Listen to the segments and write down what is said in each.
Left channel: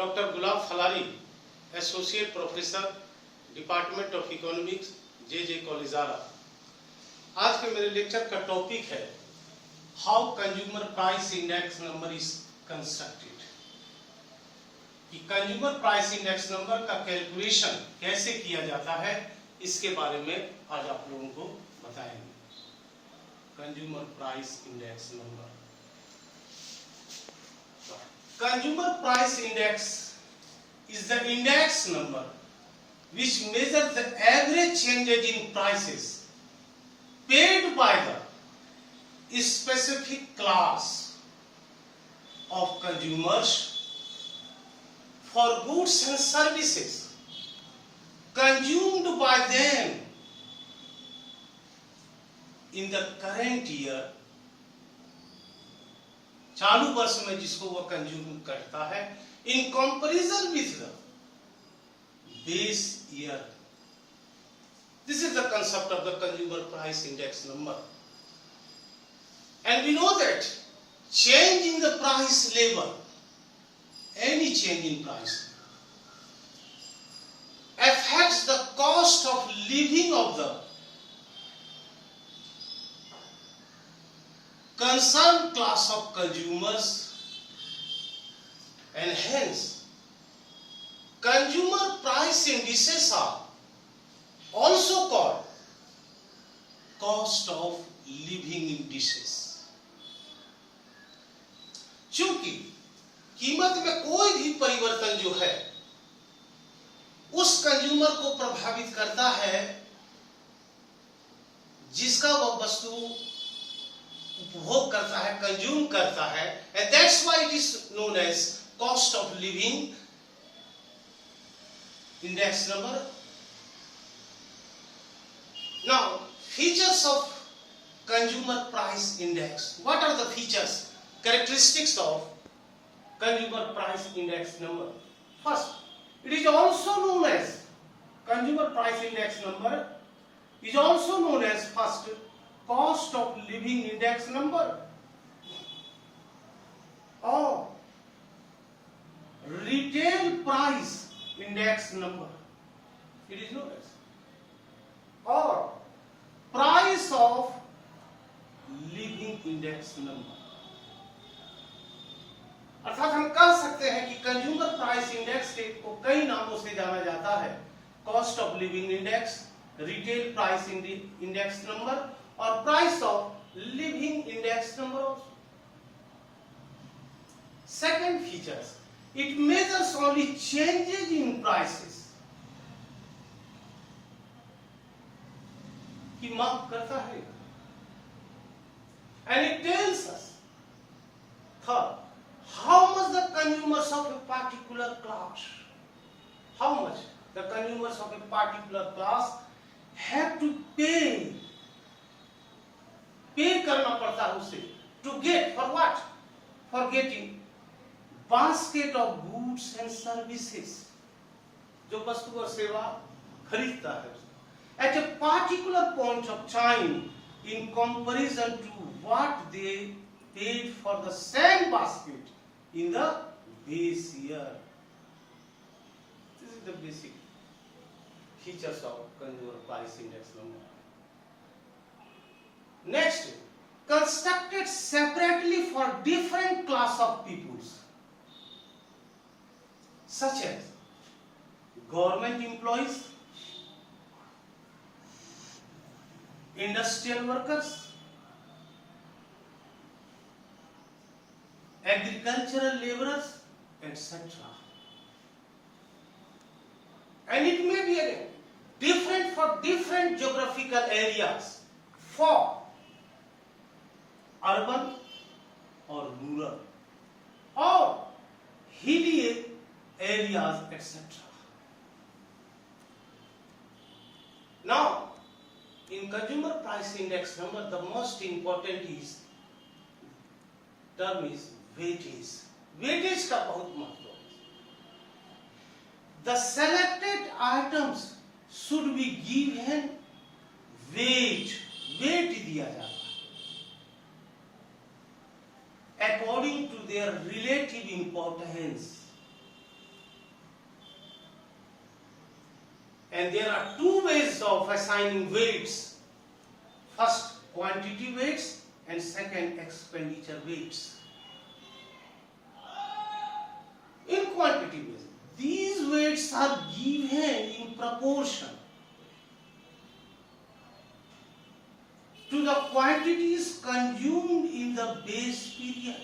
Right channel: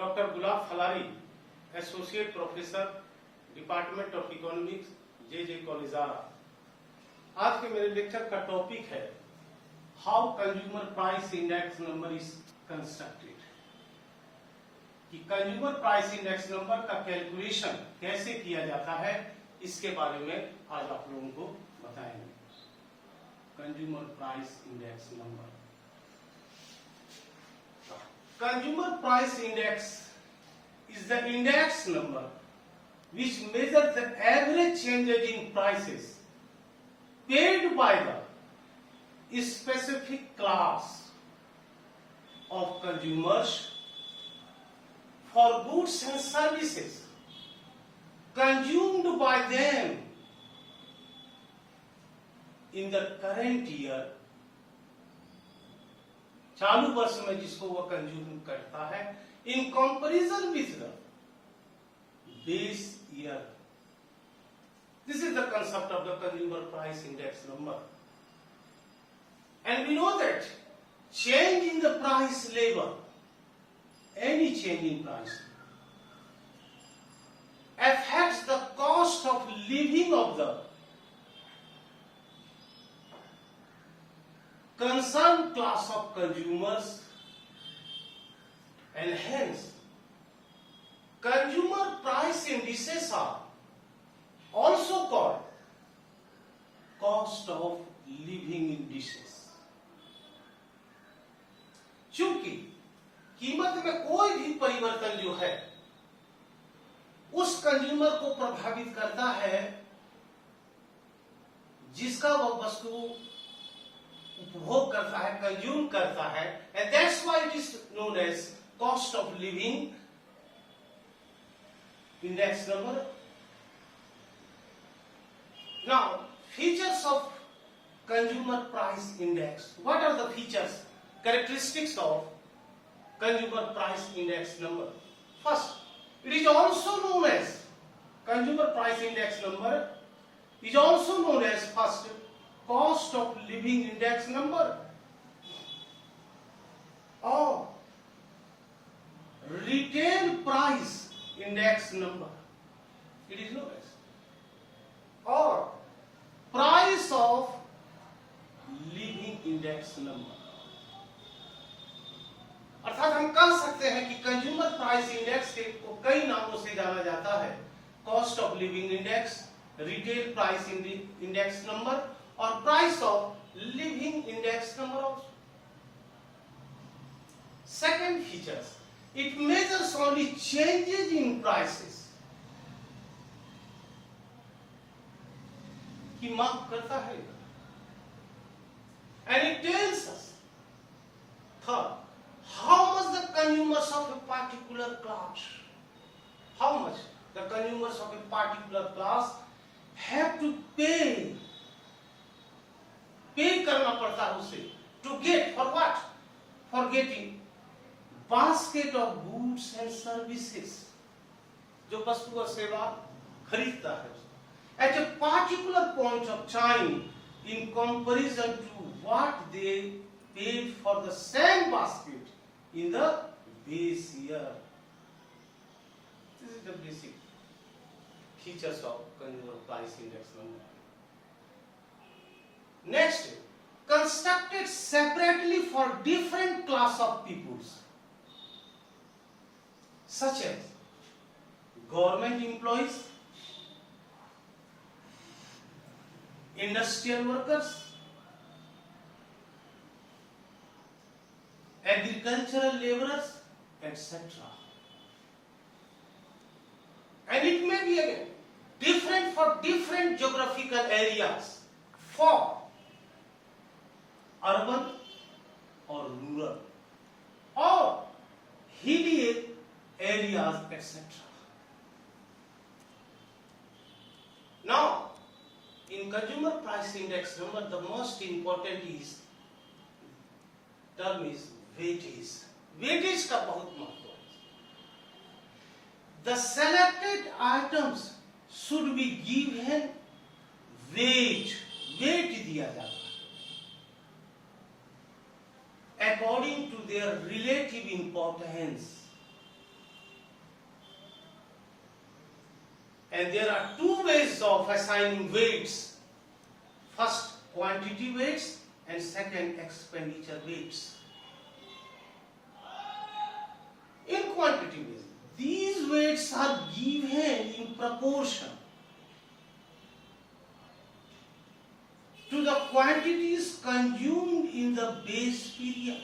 Doctor Gulab Phalari, associate professor, department of economics, J college Arrah. आज के मेरे लेक्चर का टॉपिक है how consumer price index number is constructed. कि कंज्यूमर प्राइस इंडेक्स नंबर का कैलकुलेशन कैसे किया जाता है, इसके बारे में आज आप लोगों को बताएंगे। Consumer price index number. Consumer price index is the index number which measures the average changes in prices paid by the specific class of consumers for goods and services consumed by them in the current year, चालू वर्ष में जिसको वह consume करता है, in comparison with the base year. This is the concept of the consumer price index number. And we know that change in the price level, any change in price affects the cost of living of the concerned class of consumers, and hence consumer price indices are also called cost of living indices। चूंकि कीमत में कोई भी परिवर्तन जो है उस consumer को प्रभावित करता है जिसका वह वस्तु उपभोग करता है, कंज्यूम करता है, and that's why it is known as cost of living index number। Now, features of consumer price index. What are the features, characteristics of consumer price index number? First, it is also known as consumer price index number is also known as first cost of living index number or retail price index number, it is known as, or price of living index number। अर्थात हम कह सकते हैं कि consumer price index को कई नामों से जाना जाता है। Cost of living index, retail price index number और price of living index number also. Second features, it measures only changes in prices, की माप करता है। And it tells us third how much the consumers of a particular class, how much the consumers of a particular class have to pay करना पड़ता है उसे, to get for what, for getting basket of goods and services, जो वस्तु और सेवा खरीदता है at a particular point of time in comparison to what they paid for the same basket in the base year। This is the basic features of consumer price index number। Next, constructed separately for different class of peoples, such as government employees, industrial workers, agricultural laborers, etc. And it may be again different for different geographical areas, for urban or rural or hilly areas, etc. Now, in consumer price index number, the most important term is weightage. Weightage का बहुत महत्व है। The selected items should be given weight, weight दिया जाता है according to their relative importance And there are two ways of assigning weights. First, quantity weights, and second, expenditure weights. In quantity weights, these weights are given in proportion to the quantities consumed in the base period.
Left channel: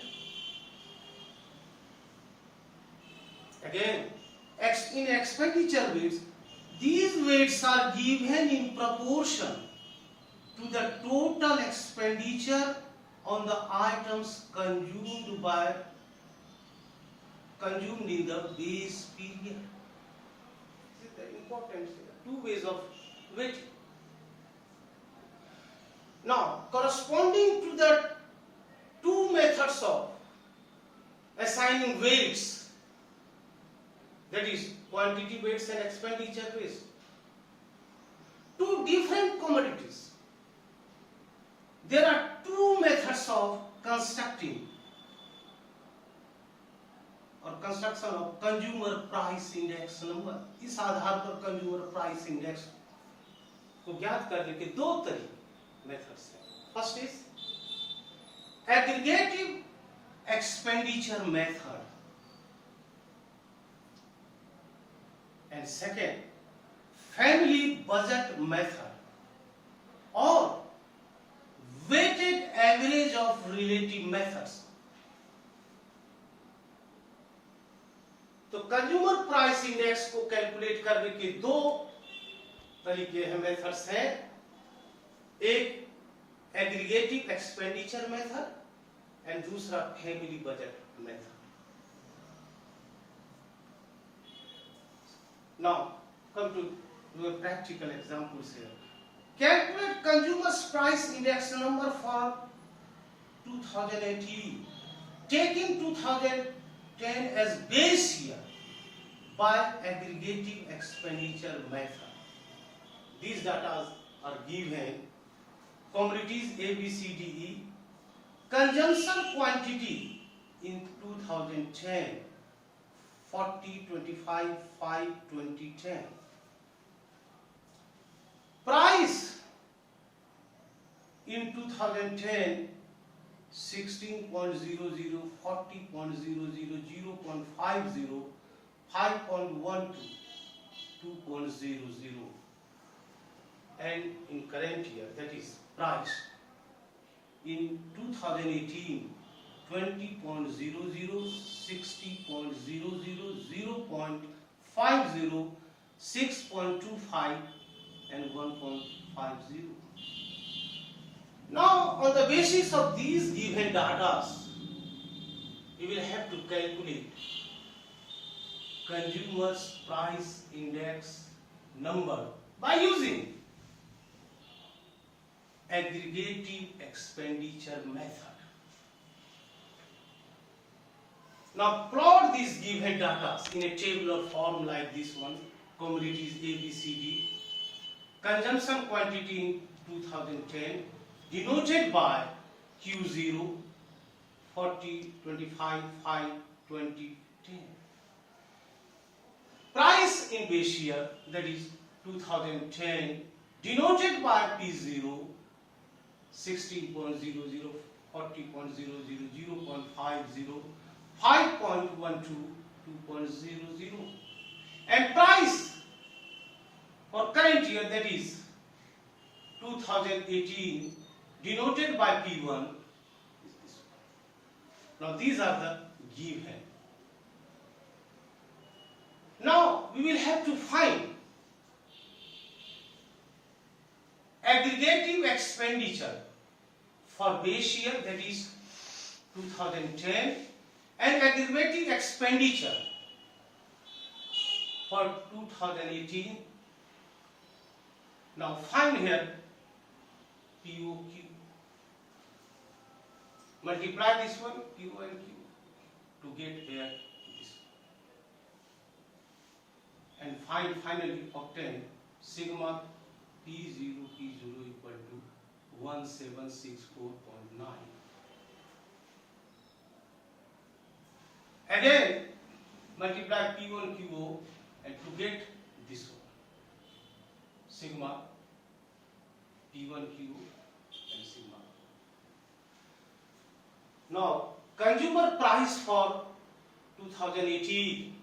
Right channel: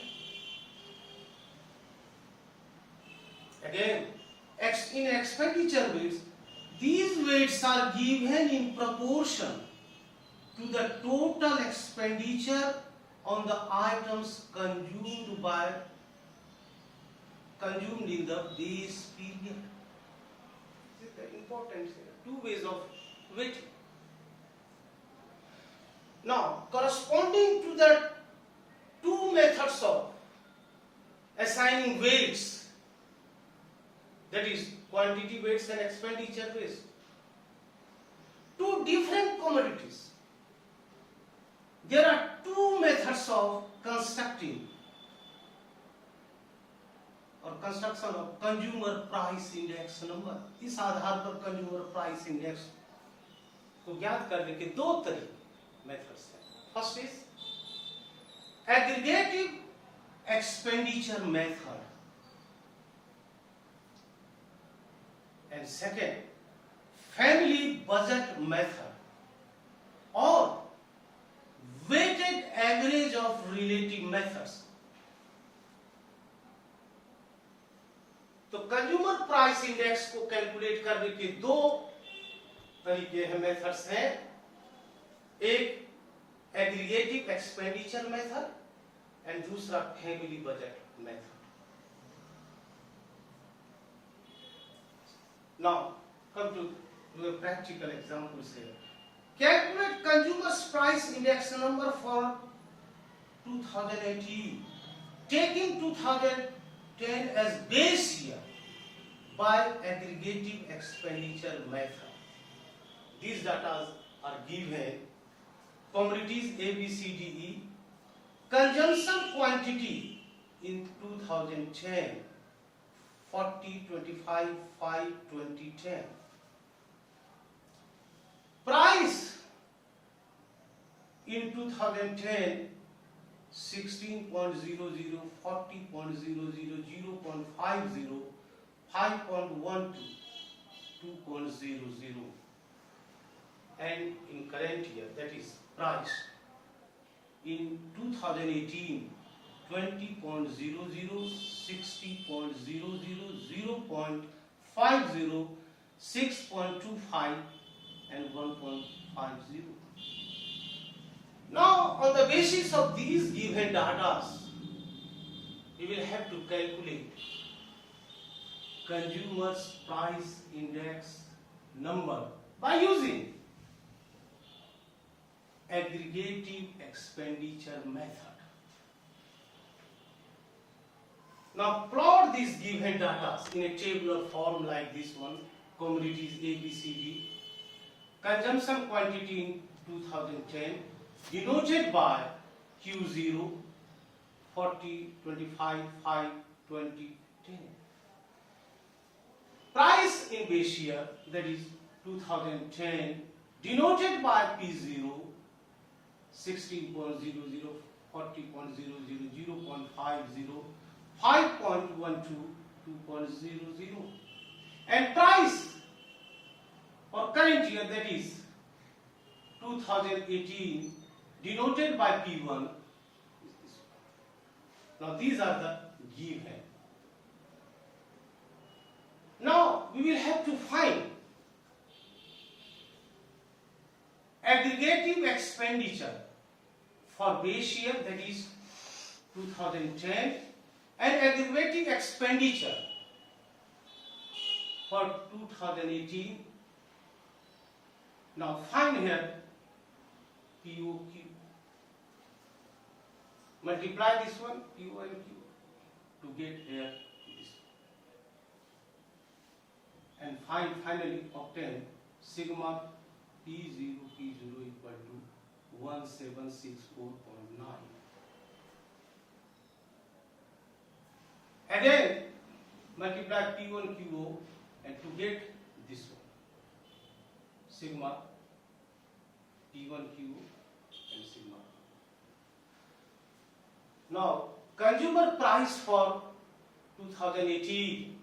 Again, in expenditure weights, these weights are given in proportion to the total expenditure on the items consumed in the base period. This is the important thing. Two ways of weighting. Now, corresponding to the two methods of assigning weights, that is quantity weights and expenditure weights, two different commodities, there are two methods of construction of consumer price index number. इस आधार पर consumer price index को ज्ञात करने के दो तरीके methods हैं. First is aggregative expenditure method and second family budget method और weighted average of relative methods. तो कंज्यूमर प्राइस इंडेक्स को कैलकुलेट करने के दो तरीके हैं, मेथड्स हैं. एक एग्रीगेटिव एक्सपेंडिचर मेथड एंड दूसरा family budget method. Now come to practical examples here. Calculate consumer's price index number for 2018, taking 2010 as base year by aggregative expenditure method. These data are given. Commodities A, B, C, D, E. Consumption quantity in 2010, 40, 25, 5, 20, 10. Price in 2010, 16.00, 40.00, 0.50, 5.12, 2.00. And in current year, that is price in 2018, 20.00, 60.00, 0.50, 6.25, and 1.50. Now, on the basis of these given data, we will have to calculate consumer's price index number by using aggregative expenditure method. Now, plot these given data in a tabular form like this one. Commodities A, B, C, D. Consumption quantity in 2010 denoted by Q0, 40, 25, 5, 20, 10. Price in base year, that is 2010, denoted by P0, 16.00, 40.00, 0.50, 5.12, 2.00. And price for current year, that is 2018, denoted by P1. Now these are the given. Now we will have to find aggregative expenditure for base year, that is 2010, and aggregative expenditure for 2018. Now find here POQ. Multiply this one, Q and Q, to get here this one. And finally obtain sigma P0 equal to 1764.9. Again multiply P1 QO and to get this one. sigma P1Q and sigma. Now consumer price for 2018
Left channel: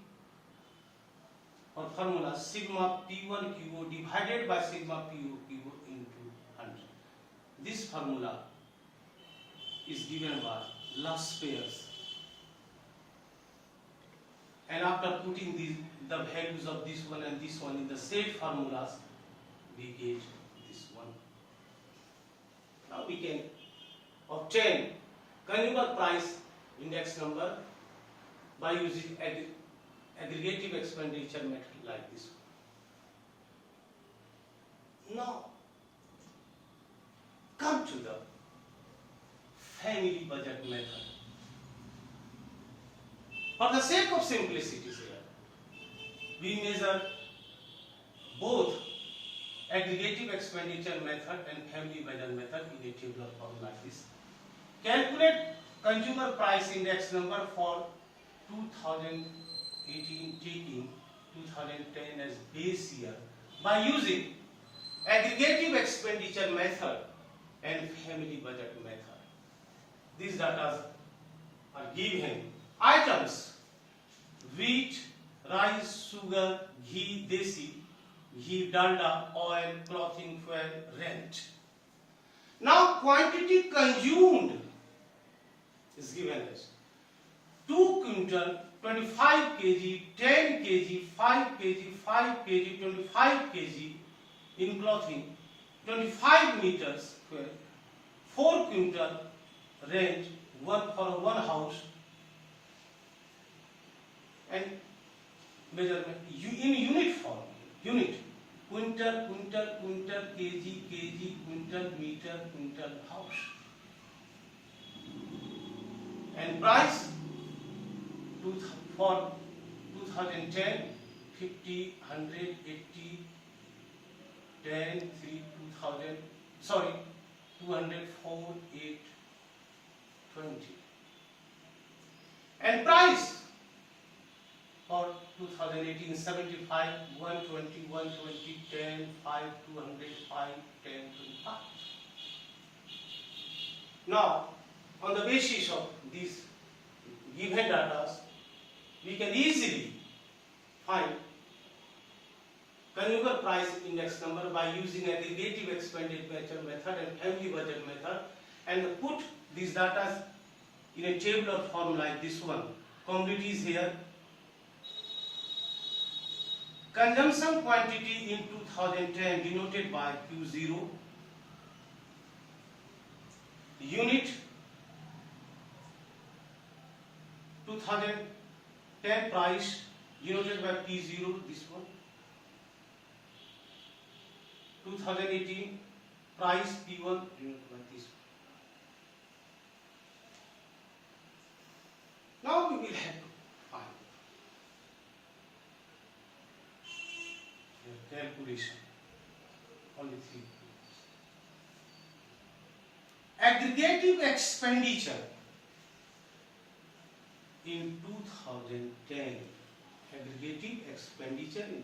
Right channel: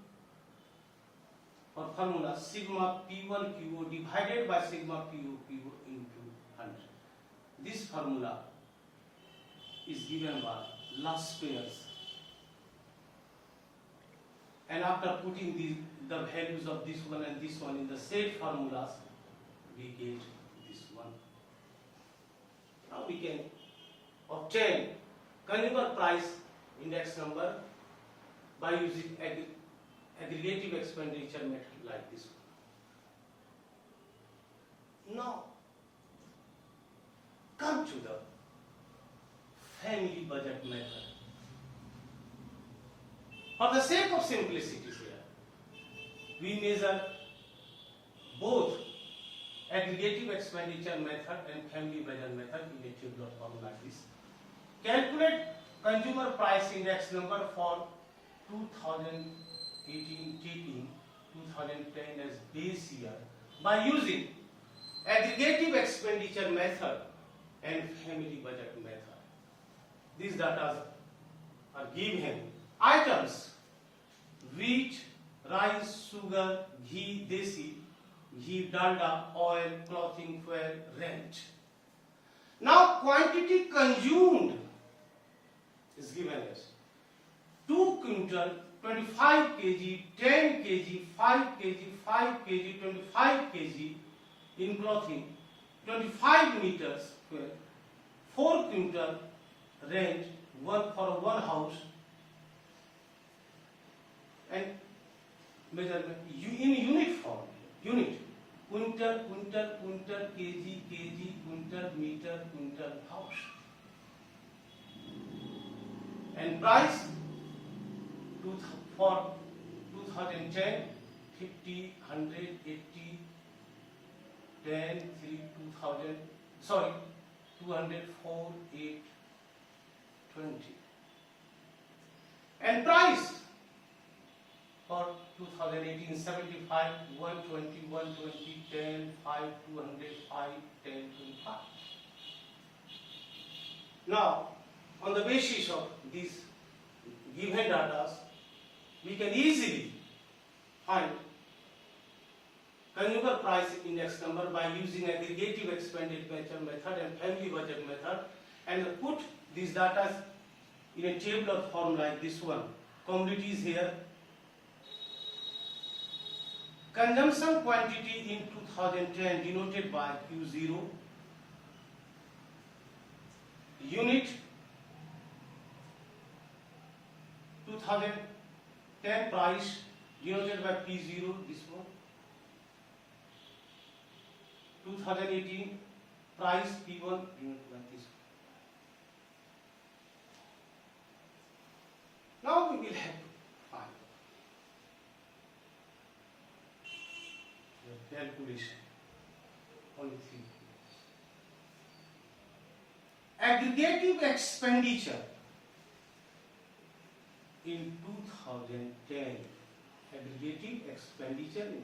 or formula sigma P1Q divided by sigma POQ into 100. This formula is given by Laspers, and after putting the values of this one and this one in the said formulas, we get this one. Now we can obtain consumer price index number by using aggregative expenditure method like this one. Now come to the family budget method. For the sake of simplicity here, we measure both aggregative expenditure method and family budget method in a table of form like this. Calculate consumer price index number for 2018 taking 2010 as base year by using aggregative expenditure method and family budget method. These data are given. Items: wheat, rice, sugar, ghee, desi, ghee, dalda, oil, clothing, fuel, rent. Now quantity consumed is given as 2 quintal, 25 kg, 10 kg, 5 kg, 5 kg, 25 kg in clothing, 25 meters square, 4 quintal rent, one for one house, and measurement in unit form. Unit: quintal, quintal, quintal, kg, kg, quintal, meter, quintal, house. And price for 2010, 50, 100, 80, 10, 3, 2000, sorry, 200, 4, 8, 20. And price for 2018, 75, 120, 120, 10, 5, 200, 5, 10, 25. Now, on the basis of these given data, we can easily find consumer price index number by using aggregative expenditure method and family budget method, and put these data in a table or form like this one. Commodities here. Consumption quantity in 2010 denoted by Q0. Unit 2010 price denoted by P0, this one. 2018 price P1 denoted by this one. Now we will have to find your calculation. Only 3. Aggregative expenditure in 2010. Aggregative expenditure in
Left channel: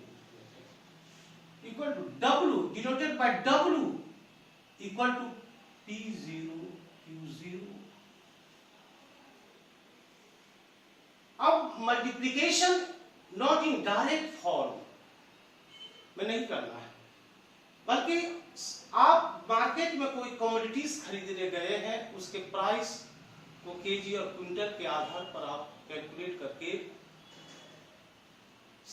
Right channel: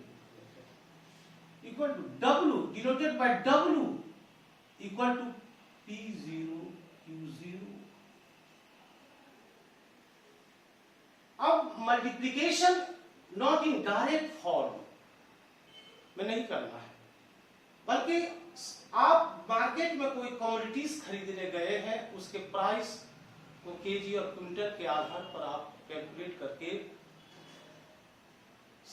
2010 equal to W denoted by W equal to P0 Q0. अब multiplication not in direct form में नहीं करना है, बल्कि आप market में कोई commodities खरीदने गए हैं, उसके प्राइस को केजी और क्विंटल के आधार पर आप कैलकुलेट करके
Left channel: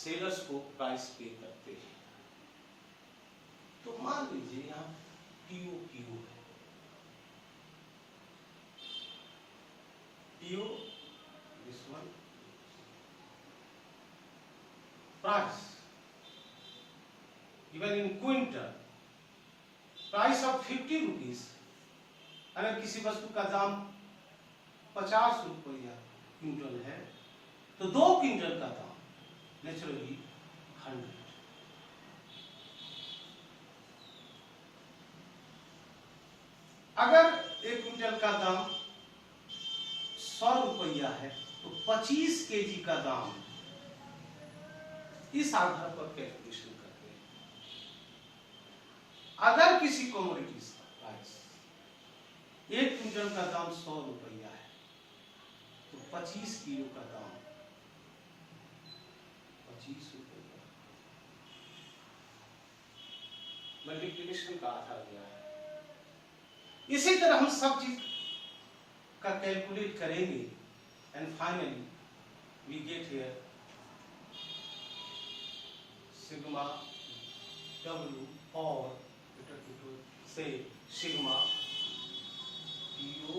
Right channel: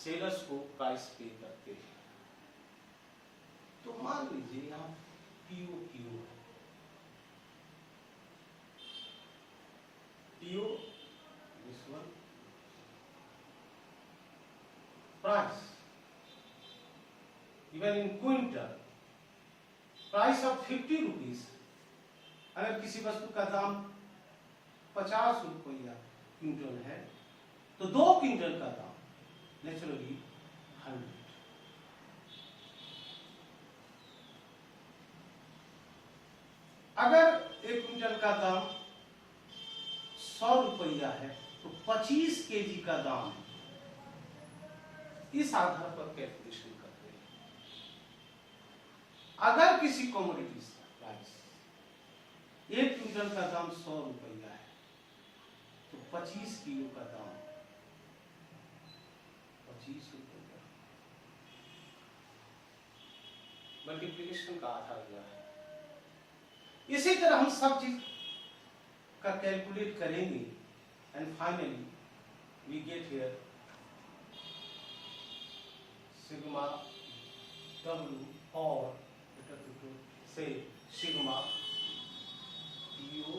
सेलर्स को प्राइस पे करते हैं। तो मान लीजिए यहाँ पीओ है, PO this one, price given in quintal, price of 50 rupees। अगर किसी वस्तु का दाम 50 रुपया क्विंटल है तो 2 क्विंटल का दाम नेचुरली 100। अगर 1 क्विंटल का दाम 100 रुपया है तो 25 केजी का दाम इस आधार पर कैलकुलेशन करते हैं। अगर किसी कमोडिटीज का प्राइस 1 क्विंटल का दाम 100 रुपया है तो 25 किलो का दाम 25 रुपया मल्टीप्लिकेशन का आधार दिया है। इसी तरह हम सब चीज का कैलकुलेट करेंगे and finally we get here sigma W or better to say sigma PO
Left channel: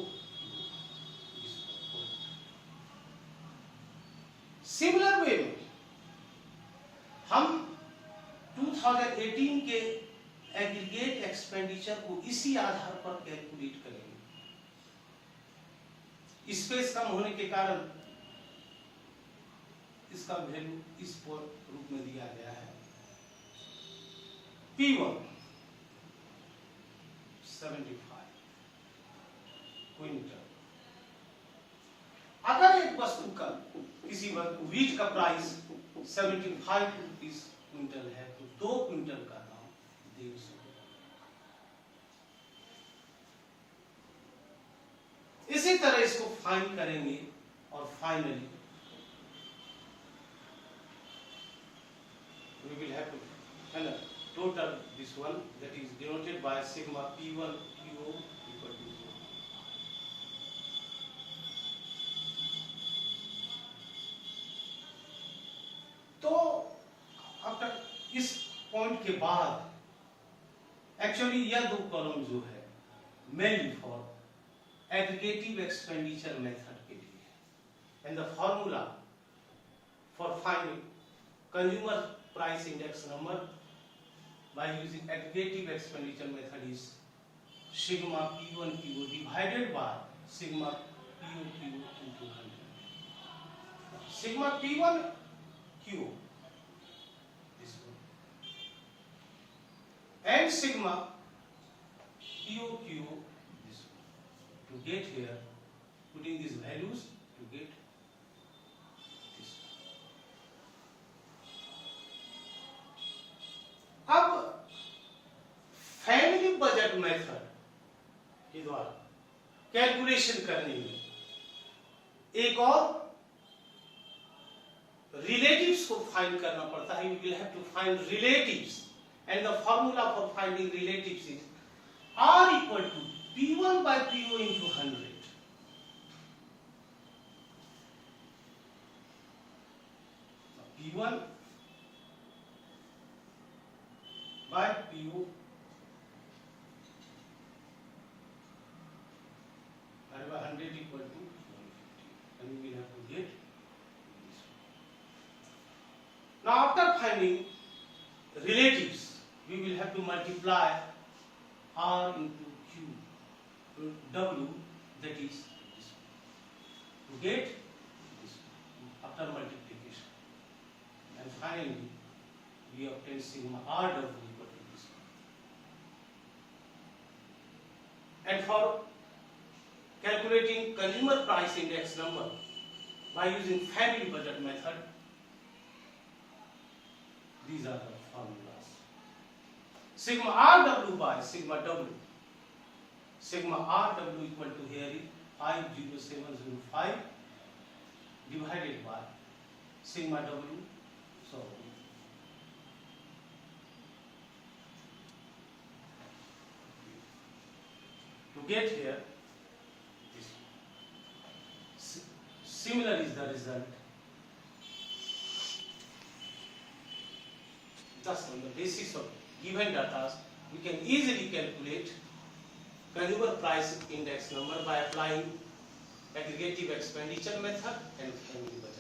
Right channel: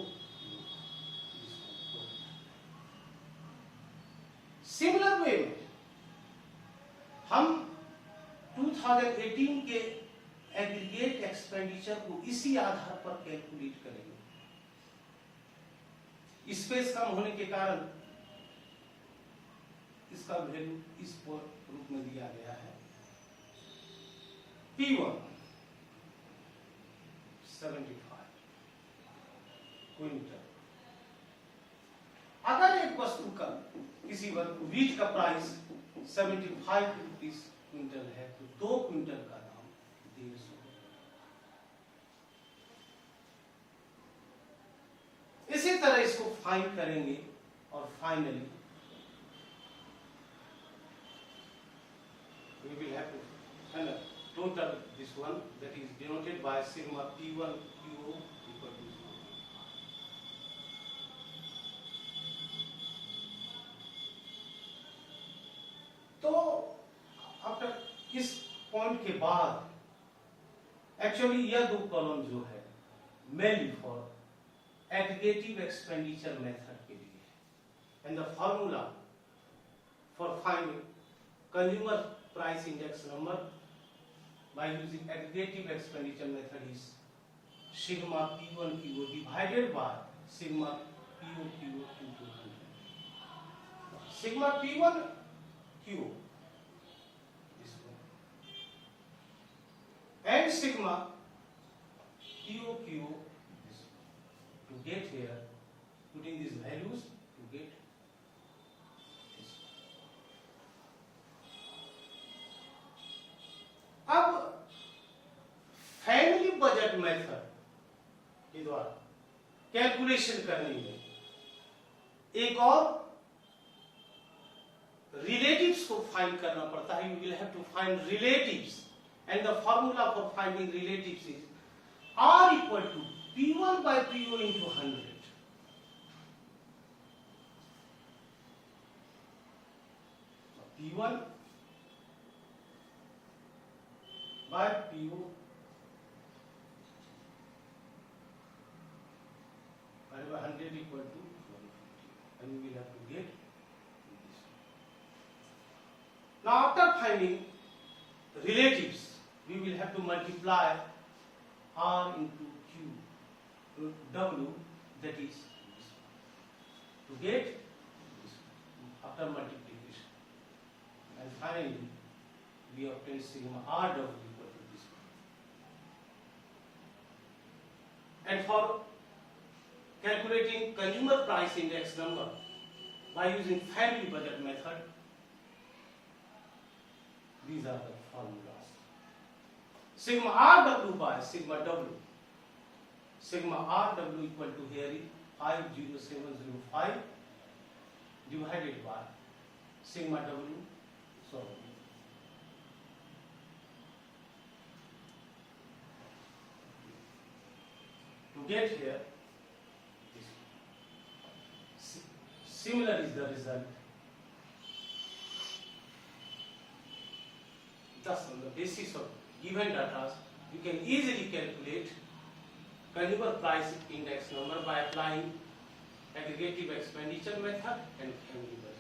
similar way में हम 2018 के एग्रीगेट एक्सपेंडिचर को इसी आधार पर कैलकुलेट करेंगे। स्पेस कम होने के कारण इसका वैल्यू इस रूप में दिया गया है। P1 75 quintal. अगर एक वस्तु का किसी वीट का प्राइस 75 रुपीस क्विंटल है तो 2 क्विंटल का दाम 150। इसी तरह इसको फाइन करेंगे और finally we will have to total this one that is denoted by sigma P1 QO equal to 0. तो अब तक इस पॉइंट के बाद एक्चुअली यह दो कॉलम जो है mainly for aggregative expenditure method के लिए है and the formula for finding consumer price index number by using aggregative expenditure method is sigma P1 QO divided by sigma PO QO into 100. Sigma P1 QO this one and sigma PO QO this one. To get here, putting these values to get अब family budget method के द्वारा calculation करने में एक और relatives को find करना पड़ता है। You will have to find relatives and the formula for finding relatives is R equal to P1 by PO into 100। P1 by PO and by 100 equal to 150, and we will have to get this. Now after finding relatives, we will have to multiply R into Q W, that is this one, to get this one, after multiplication, and finally we obtain sigma RW equal to this one. And for calculating consumer price index number by using family budget method, these are the formulas. Sigma RW by sigma W. Sigma RW equal to here is 50705 divided by sigma W. So to get here, similar is the result. Thus, on the basis of given data, we can easily calculate consumer price index number by applying aggregative expenditure method and family budget.